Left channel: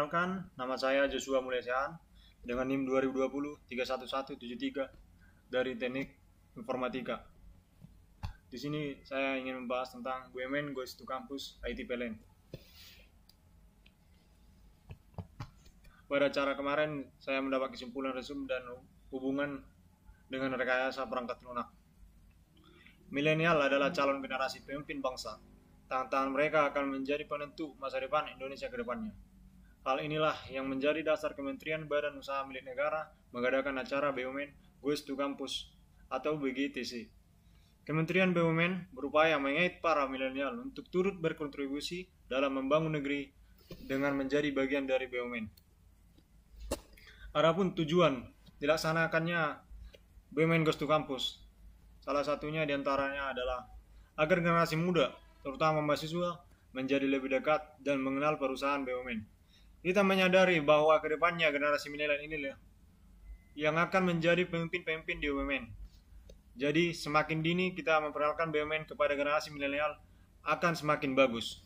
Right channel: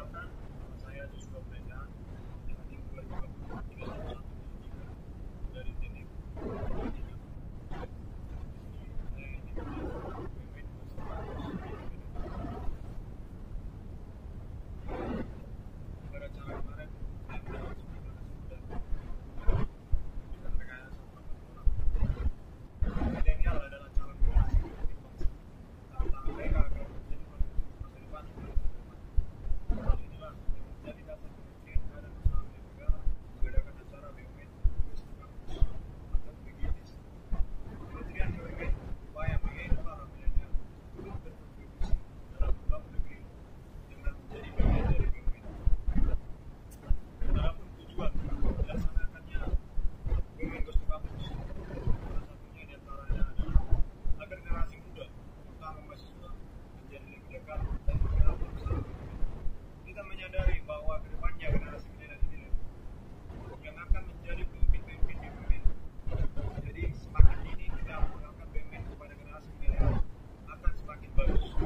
Perkenalkan, nama saya Joshua Mulyasehan dengan NIM 2020-31173 dari Teknik Informatika. Di sini saya ingin membahas tentang Women Goes to Campus IT PLN. Pada acara kemarin, saya mendapat kesimpulan resum dan hubungan dengan rekayasa perangkat lunak. Milenial adalah calon generasi pemimpin bangsa. Tantangan mereka akan menjadi penentu masa depan Indonesia ke depannya. Hal inilah yang menjadi dasar Kementerian Badan Usaha Milik Negara mengadakan acara BUMN Goes to Campus atau BGTC. Kementerian BUMN berupaya mengait para milenial untuk turut berkontribusi dalam membangun negeri dengan menjadi bagian dari BUMN. Adapun tujuan dilaksanakannya BUMN Goes to Campus, salah satunya diantaranya adalah agar generasi muda, terutama mahasiswa, menjadi lebih dekat dan mengenal perusahaan BUMN. Kita menyadari bahwa kedepannya generasi milenial inilah yang akan menjadi pemimpin-pemimpin di BUMN. Jadi semakin dini kita memperkenalkan BUMN kepada generasi milenial akan semakin bagus.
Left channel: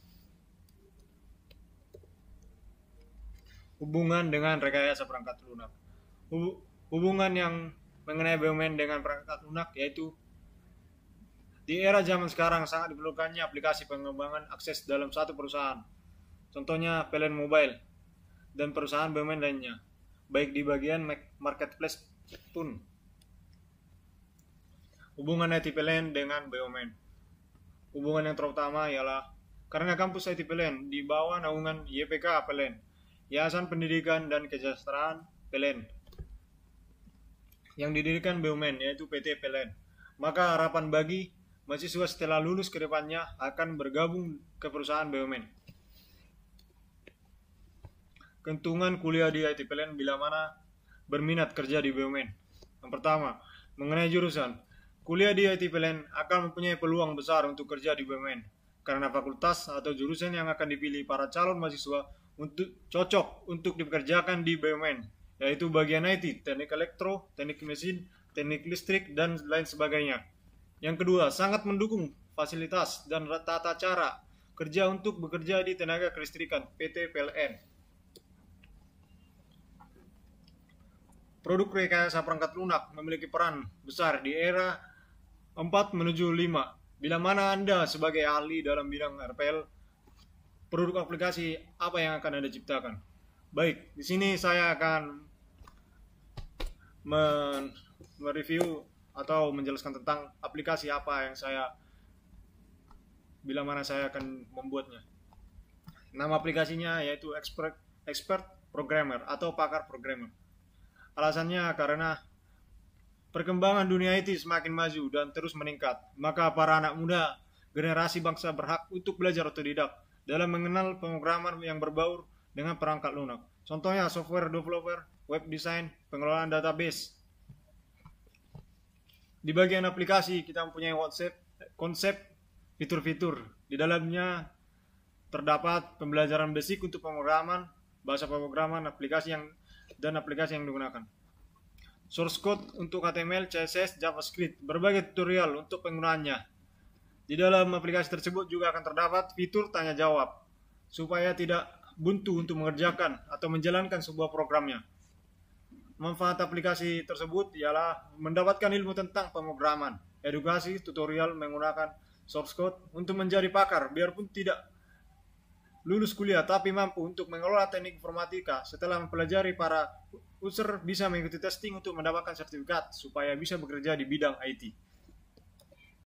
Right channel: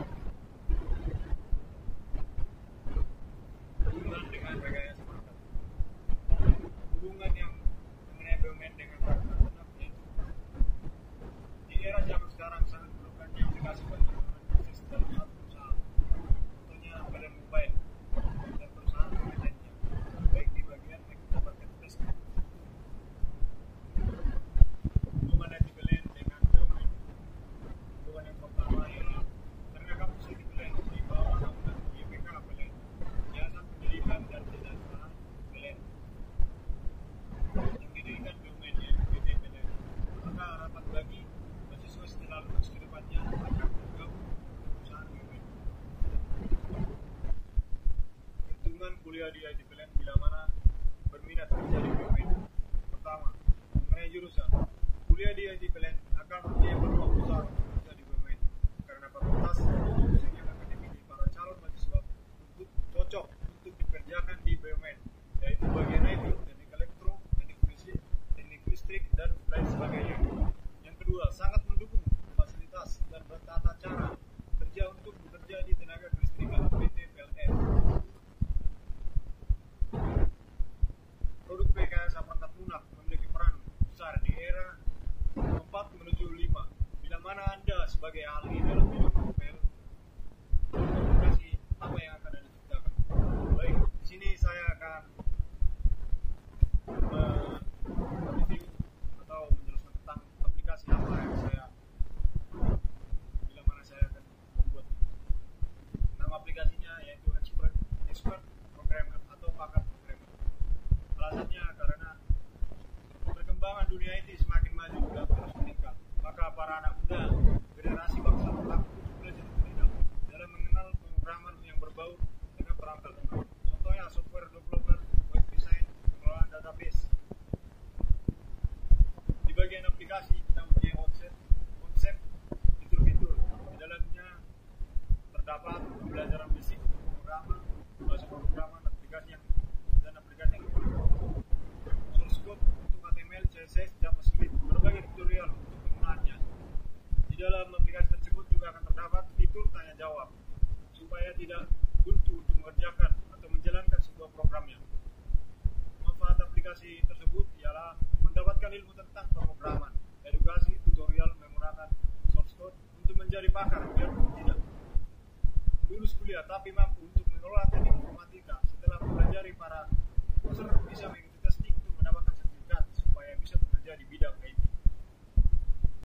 Hubungan dengan rekayasa perangkat lunak. Hubungan yang mengenai BUMN dengan perangkat lunak yaitu di era zaman sekarang sangat diperlukannya aplikasi pengembangan akses dalam satu perusahaan. Contohnya PLN Mobile dan perusahaan BUMN lainnya, baik di bagian marketplace pun. Hubungan IT PLN dengan BUMN. Hubungan yang terutama ialah karena kampus IT PLN di bawah naungan YPK PLN, Yayasan Pendidikan dan Kesejahteraan PLN, yang didirikan BUMN yaitu PT PLN. Maka harapan bagi mahasiswa setelah lulus ke depannya akan bergabung ke perusahaan BUMN. Keuntungan kuliah di IT PLN bila mana berminat kerja di BUMN. Yang pertama, mengenai jurusan. Kuliah di IT PLN akan mempunyai peluang besar untuk kerja di BUMN karena fakultas atau jurusan yang akan dipilih para calon mahasiswa untuk cocok untuk dipekerjakan di BUMN, yaitu bagian IT, teknik elektro, teknik mesin, teknik listrik, dan lain sebagainya. Yang kedua, sangat mendukung fasilitas dan tata cara kerja untuk bekerja di tenaga kelistrikan PT PLN. Produk rekayasa perangkat lunak memiliki peran besar di era 4 menuju 5. Bila mana Anda sebagai ahli dalam bidang RPL, produk aplikasi apa yang akan Anda ciptakan? Baik, di sini saya akan mereview atau menjelaskan tentang aplikasi apa yang bila mana saya akan membuatnya. Nama aplikasinya yaitu Expert Programmer atau pakar programmer. Alasannya karena perkembangan dunia IT semakin maju dan terus meningkat, maka para anak muda generasi bangsa berhak untuk belajar otodidak dalam mengenal pemrograman yang berbaur dengan perangkat lunak. Contohnya software developer, web design, pengelolaan database. Di bagian aplikasi kita mempunyai konsep fitur-fitur. Di dalamnya terdapat pembelajaran basic untuk pemrograman, bahasa pemrograman, aplikasi yang digunakan. Source code untuk HTML, CSS, JavaScript, berbagai tutorial untuk penggunaannya. Di dalam aplikasi tersebut juga akan terdapat fitur tanya jawab supaya tidak buntu untuk mengerjakan atau menjalankan sebuah programnya. Manfaat aplikasi tersebut ialah mendapatkan ilmu tentang pemrograman, edukasi, tutorial menggunakan source code untuk menjadi pakar biarpun tidak lulus kuliah tapi mampu untuk mengelola teknik informatika. Setelah mempelajari, para user bisa mengikuti testing untuk mendapatkan sertifikat supaya bisa bekerja di bidang IT.